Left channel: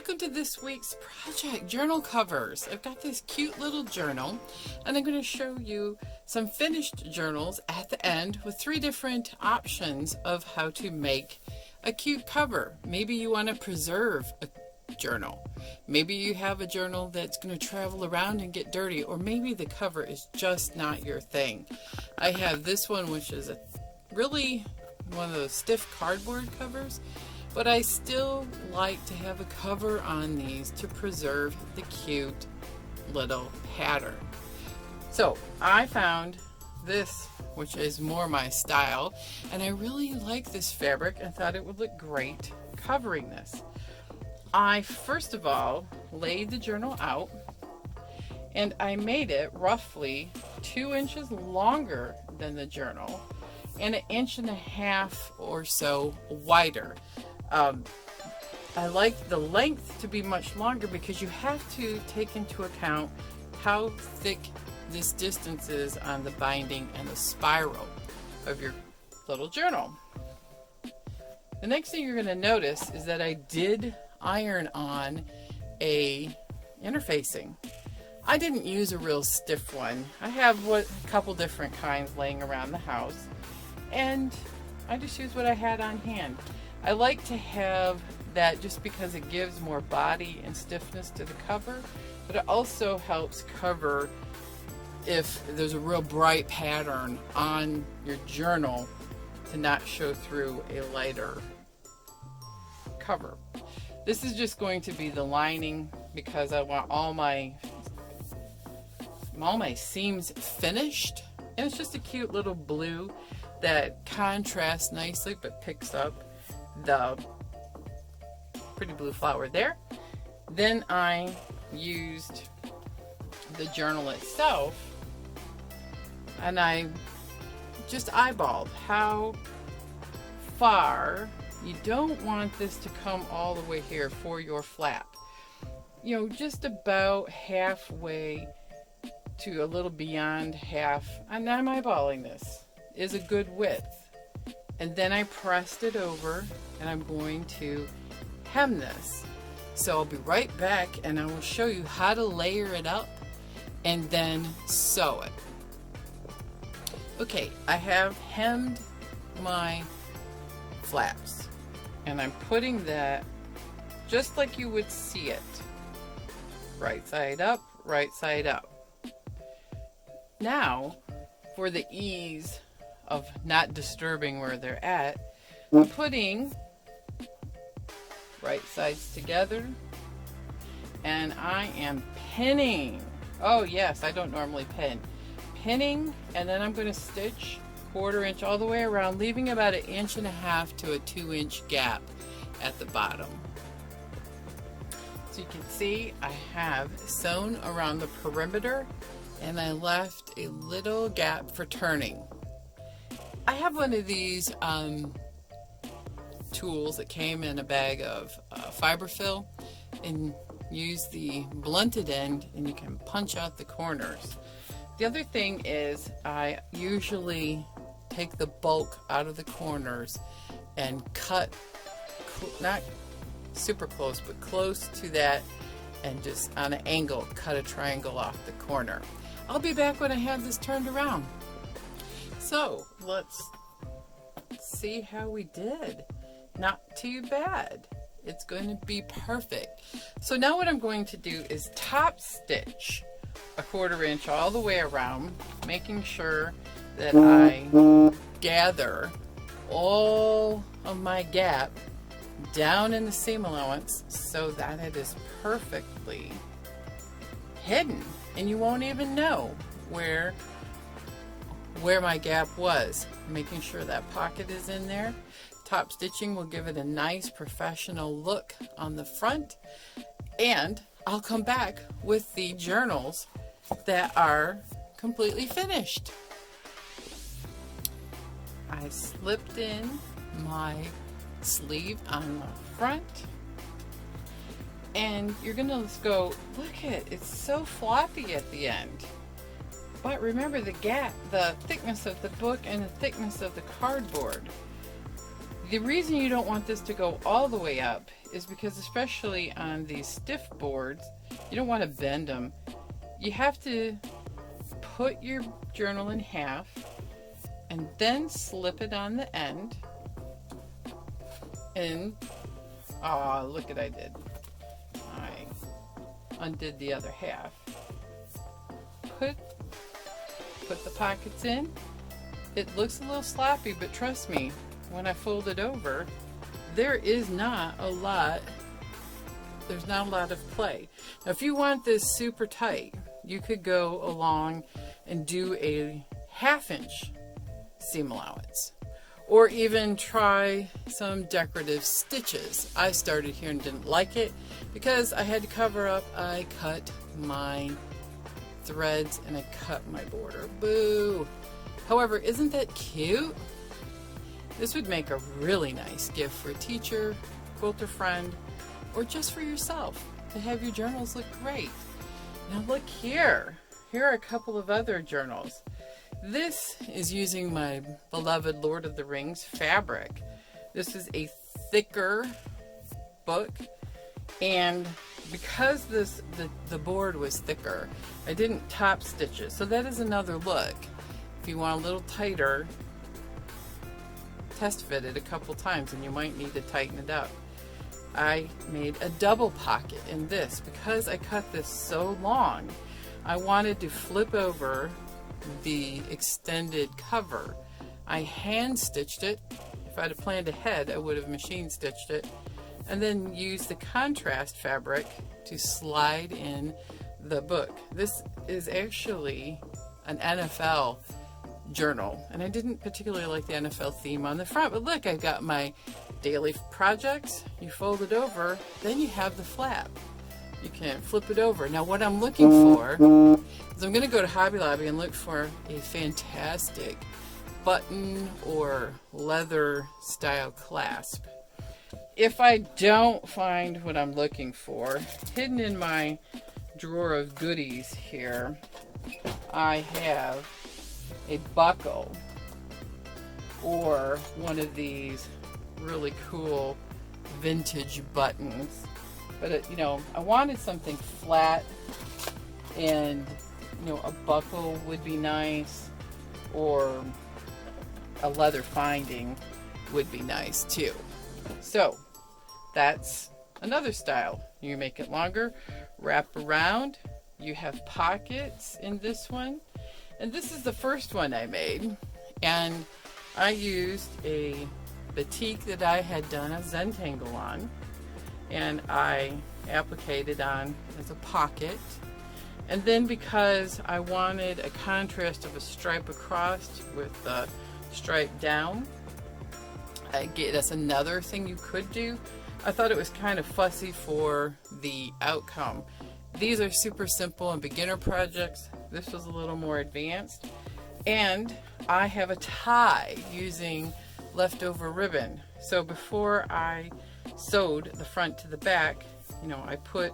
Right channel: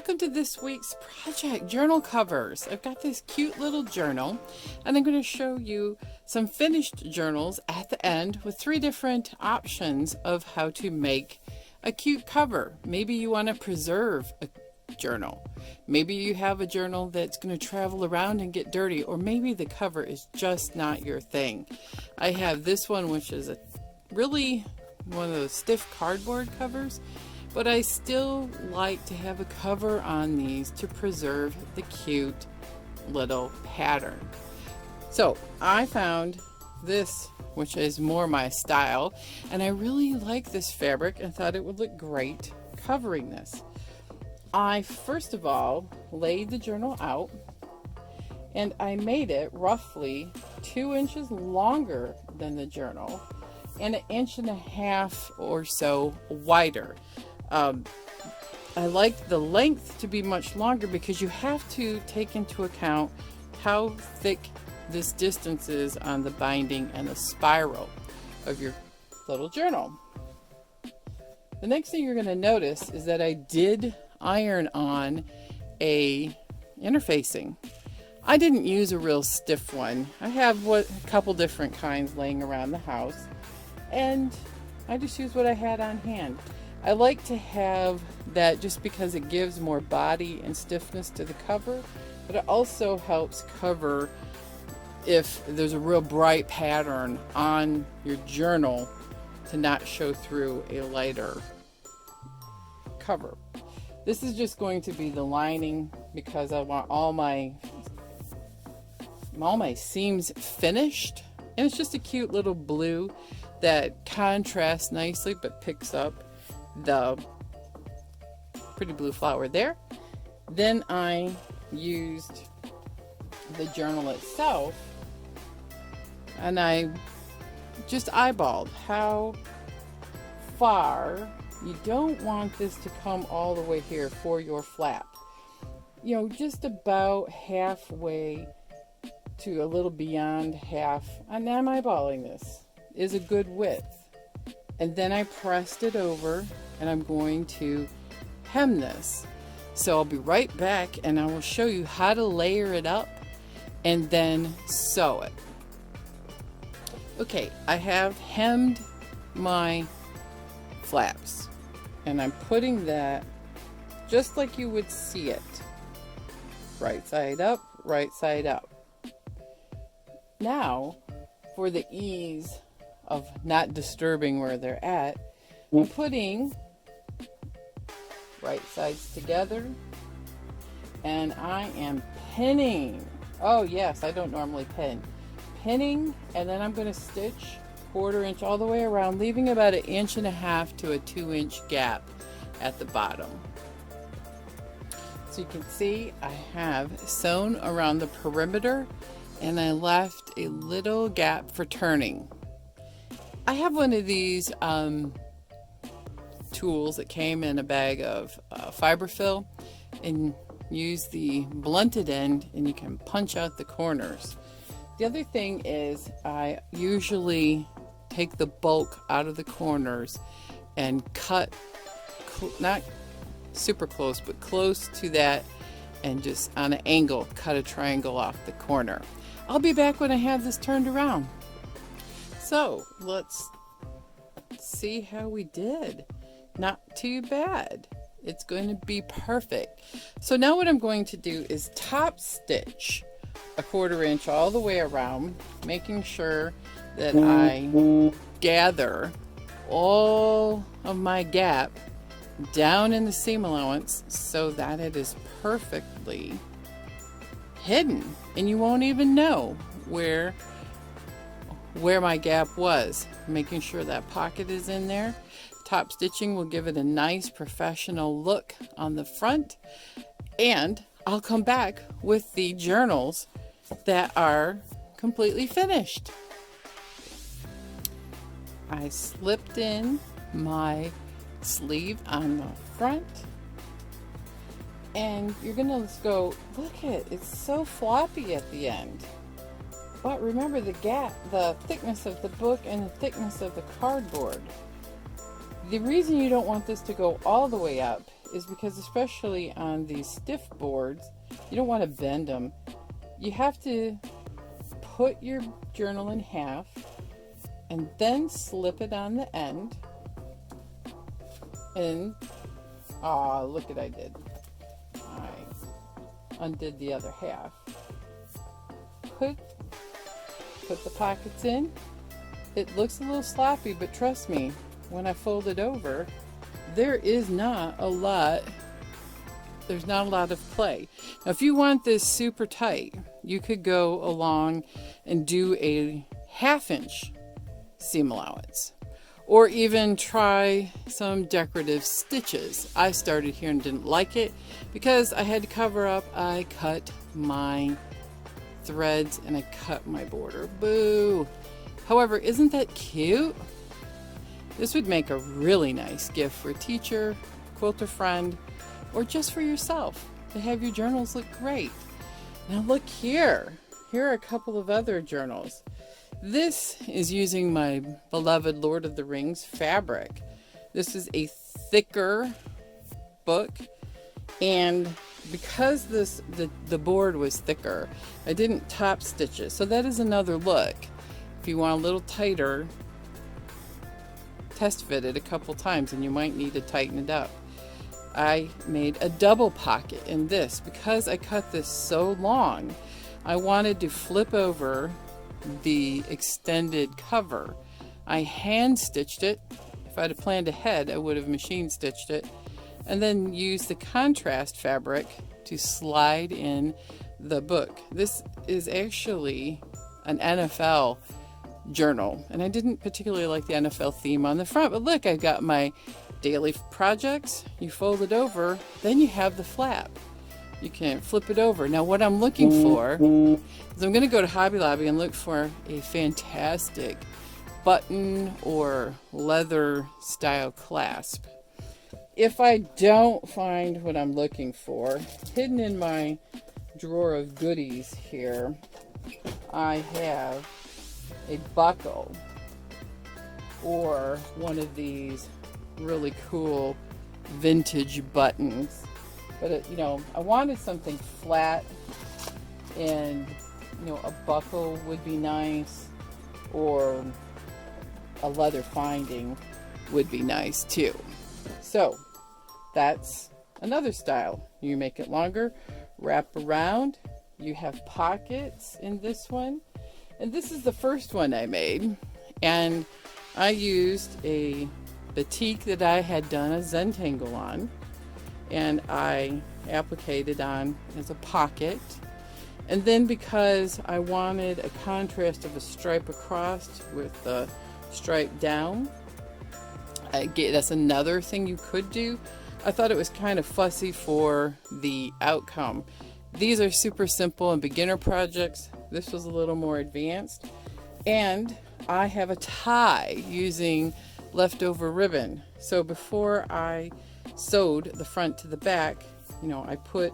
welcome to this week's project, journal covers. I've got this cute little journal, and I'm going to show you some finished journals at the end with 3 different options of how to make a cute cover. Maybe you want to preserve a journal. Maybe you have a journal that's going to travel around and get dirty, or maybe the cover is just not your thing. I have this one, which is really one of those stiff cardboard covers, but I still like to have a cover on these to preserve the cute little pattern. So I found this, which is more my style, and I really like this fabric and thought it would look great covering this. I first of all laid the journal out, and I made it roughly 2 inches longer than the journal and 1.5 inches or so wider. I like the length to be much longer because you have to take into account how thick this distance is on the binding and the spiral of your little journal. The next thing you're going to notice is that I did iron on a interfacing. I didn't use a real stiff one. I have a couple different kinds laying around the house, and I just used what I had on hand. I like to have that just because it gives more body and stiffness to the cover, but it also helps cover if there's a real bright pattern on your journal to not show through a lighter cover. This is just going to be the lining because I want all my seams finished, and it's just a cute little blue that contrasts nicely but picks up the pretty blue flower there. Then I used the journal itself, and I just eyeballed how far. You don't want this to come all the way here for your flap. You know, just about halfway to a little beyond half, and I'm eyeballing this, is a good width. And then I pressed it over, and I'm going to hem this. So I'll be right back, and I will show you how to layer it up and then sew it. Okay, I have hemmed my flaps, and I'm putting that just like you would see it. Right side up, right side up. Now, for the ease of not disturbing where they're at, I'm putting right sides together, and I am pinning. Oh yes, I don't normally pin. Pinning, and then I'm going to stitch 1/4 inch all the way around, leaving about 1.5 inches to a 2-inch gap at the bottom. So you can see I have sewn around the perimeter, and I left a little gap for turning. I have one of these tools that came in a bag of fiberfill, and use the blunted end, and you can punch out the corners. The other thing is I usually take the bulk out of the corners and cut, not super close, but close to that, and just on an angle cut a triangle off the corner. I'll be back when I have this turned around. So let's see how we did. Not too bad. It's going to be perfect. So now what I'm going to do is top stitch 1/4 inch all the way around, making sure that I gather all of my gap down in the seam allowance so that it is perfectly hidden, and you won't even know where my gap was. Making sure that pocket is in there. Top stitching will give it a nice professional look on the front, and I'll come back with the journals that are completely finished. I slipped in my sleeve on the front, and you're gonna go, look at it's so floppy at the end. But remember the gap, the thickness of the book and the thickness of the cardboard. The reason you don't want this to go all the way up is because, especially on these stiff boards, you don't want to bend them. You have to put your journal in half and then slip it on the end. And, oh, look what I did. I undid the other half. Put the pockets in. It looks a little sloppy, but trust me, when I fold it over, there's not a lot of play. Now, if you want this super tight, you could go along and do a 1/2 inch seam allowance, or even try some decorative stitches. I started here and didn't like it because I had to cover up. I cut my threads and I cut my border. Boo! However, isn't that cute? This would make a really nice gift for a teacher, quilter friend, or just for yourself to have your journals look great. Now look here. Here are a couple of other journals. This is using my beloved Lord of the Rings fabric. This is a thicker book, and because the board was thicker, I didn't top stitch it. So that is another look. If you want a little tighter, test fit it a couple times and you might need to tighten it up. I made a double pocket in this because I cut this so long. I wanted to flip over the extended cover. I hand stitched it. If I'd have planned ahead, I would have machine stitched it, and then used the contrast fabric to slide in the book. This is actually an NFL journal, and I didn't particularly like the NFL theme on the front, but look, I've got my daily projects. You fold it over, then you have the flap. You can flip it over. Now what I'm looking for is I'm going to go to Hobby Lobby and look for a fantastic button or leather style clasp. If I don't find what I'm looking for, hidden in my drawer of goodies here, I have a buckle or one of these really cool vintage buttons. But you know, I wanted something flat, and you know, a buckle would be nice, or a leather finding would be nice too. So that's another style. You make it longer, wrap around. You have pockets in this one, and this is the first one I made, and I used a batik that I had done a Zentangle on, and I appliqued it on as a pocket. And then because I wanted a contrast of a stripe across with the stripe down, that's another thing you could do. I thought it was kind of fussy for the outcome. These are super simple and beginner projects. This was a little more advanced. And I have a tie using leftover ribbon. So before I sewed the front to the back, you know, I put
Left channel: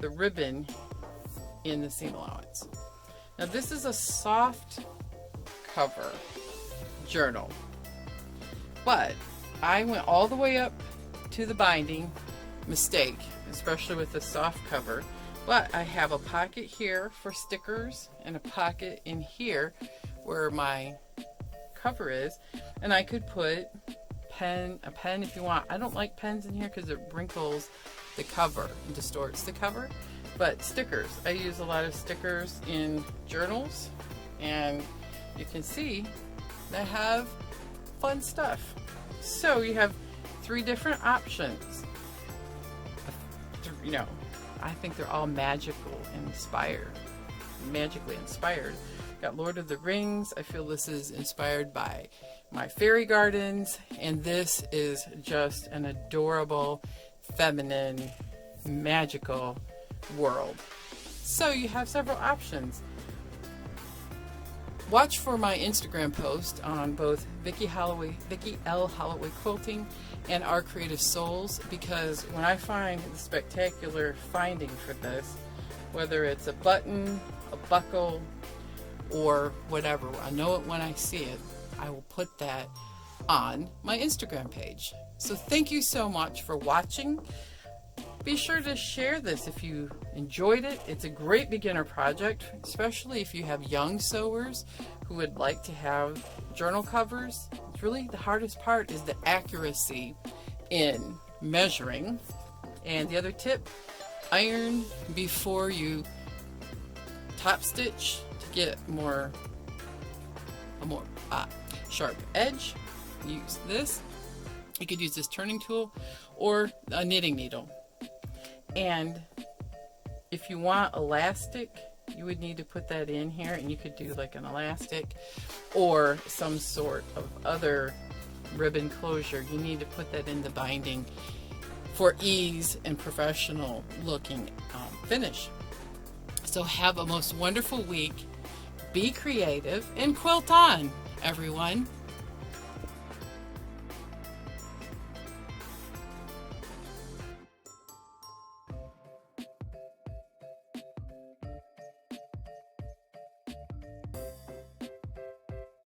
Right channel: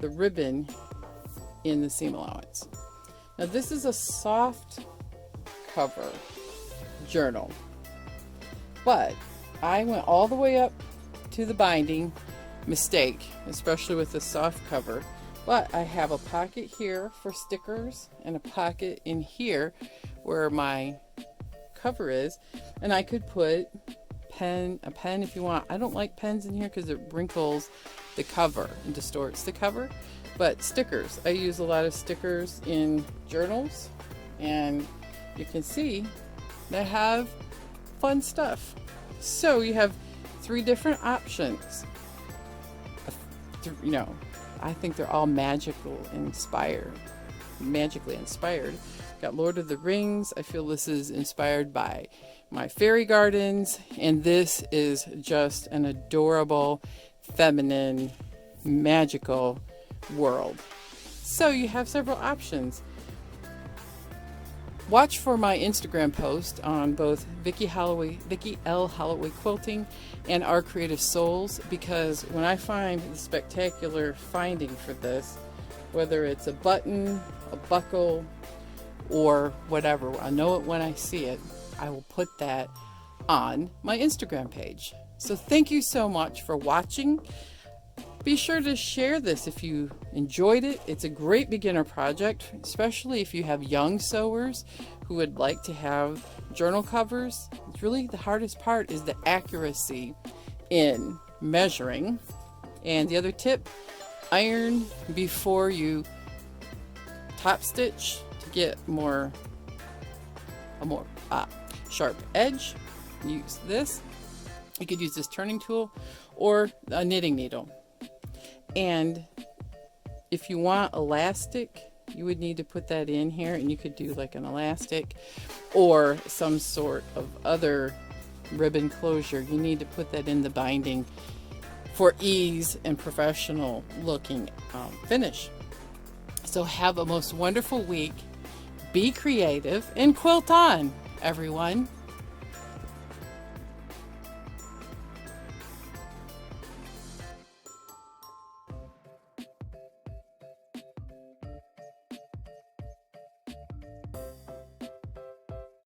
the ribbon in the seam allowance. Now this is a soft cover journal, but I went all the way up to the binding. Mistake, especially with the soft cover. But I have a pocket here for stickers and a pocket in here where my cover is, and I could put a pen if you want. I don't like pens in here because it wrinkles the cover and distorts the cover. But stickers, I use a lot of stickers in journals, and you can see they have fun stuff. So you have 3 different options. You know, I think they're all magically inspired. Got Lord of the Rings. I feel this is inspired by my fairy gardens, and this is just an adorable, feminine, magical world. So you have several options. Watch for my Instagram post on both Vicki L. Holloway Quilting and Our Creative Souls, because when I find the spectacular finding for this, whether it's a button, a buckle, or whatever, I know it when I see it. I will put that on my Instagram page. So thank you so much for watching. Be sure to share this if you enjoyed it. It's a great beginner project, especially if you have young sewers who would like to have journal covers. It's really the hardest part is the accuracy in measuring. And the other tip, iron before you top stitch to get a more sharp edge. Use this. You could use this turning tool or a knitting needle. And if you want elastic, you would need to put that in here, and you could do like an elastic or some sort of other ribbon closure. You need to put that in the binding for ease and professional looking finish. So have a most wonderful week. Be creative and quilt on, everyone.